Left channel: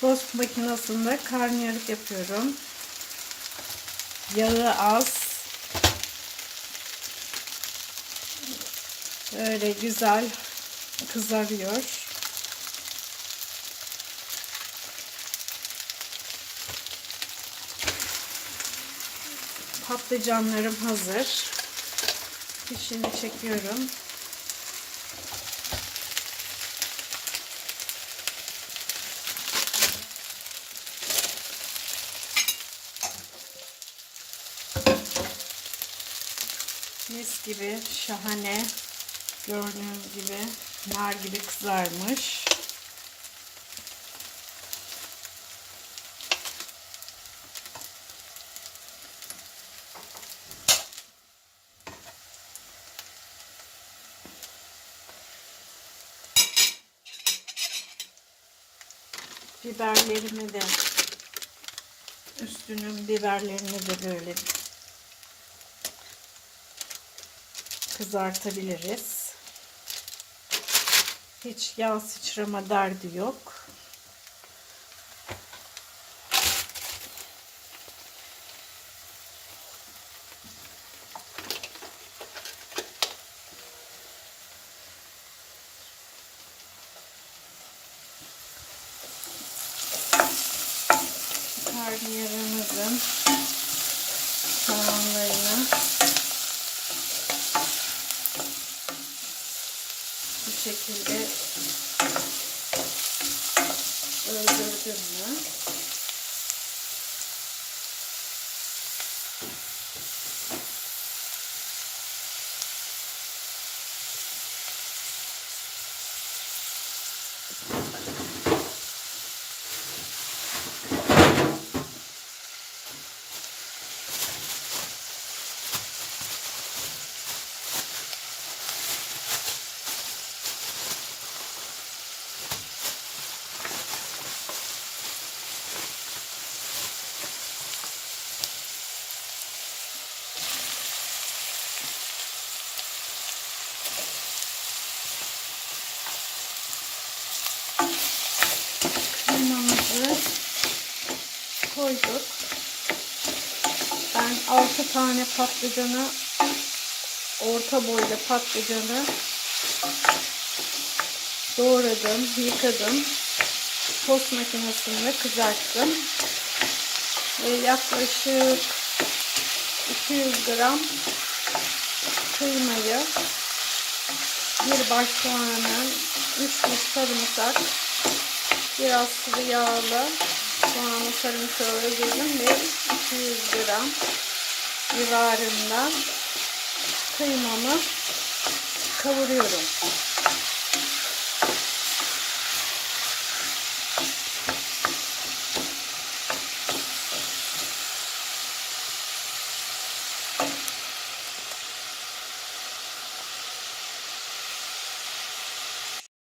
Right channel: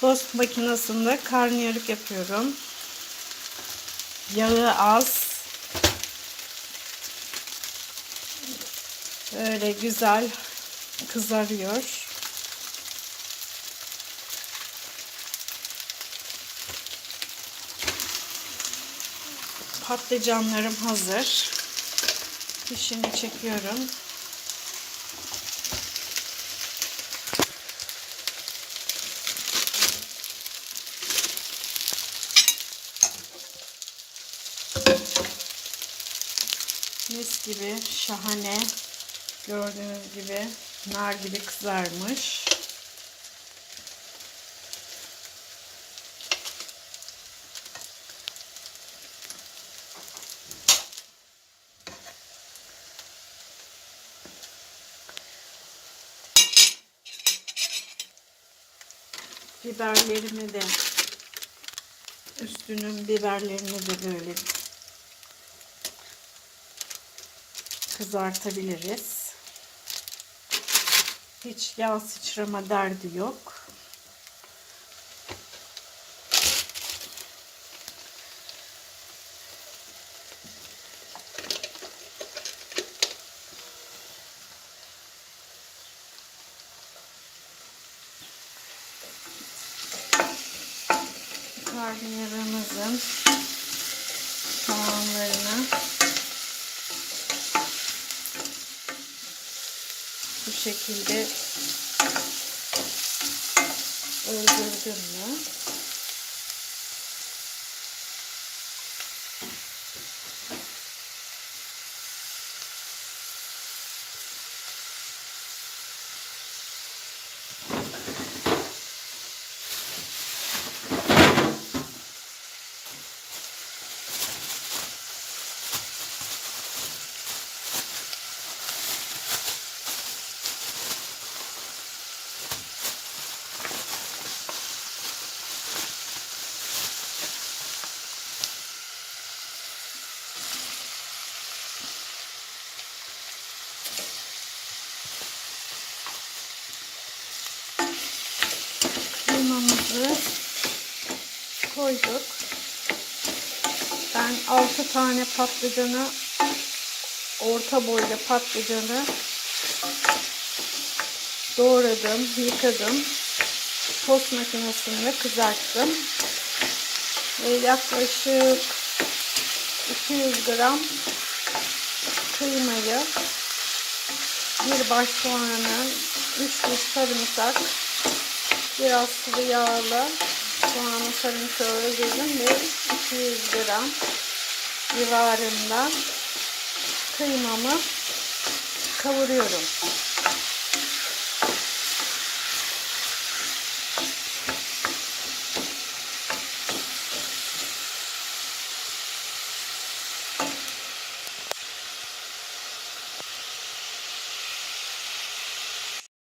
Tost makinesinde karnıyarık yapıyorum. Yağı az. Böyle güzel kızarıyor. Patlıcanlarım hazır. Fişini çekiyorum. Mis gibi şahane gördüğünüz gibi nar gibi kızarmış. Biberlerimi de üstünün biberlerini de böyle kızartabiliriz. Hiç yağ sıçrama derdi yok. Karnıyarımızın soğanlarını bu şekilde öldürdüm mü? Kıymamızı koyduk. Ben 6 tane patlıcanı orta boyda patlıcanı doğradım, yıkadım. Tost makinesinde kızarttım. Ve yaklaşık 200 gram kıymayı bir baş soğanı, 3 diş sarımsak, biraz sıvı yağla soğanı sarımsağı öldürdüm ve 200 gram civarında kıymamı kavuruyorum.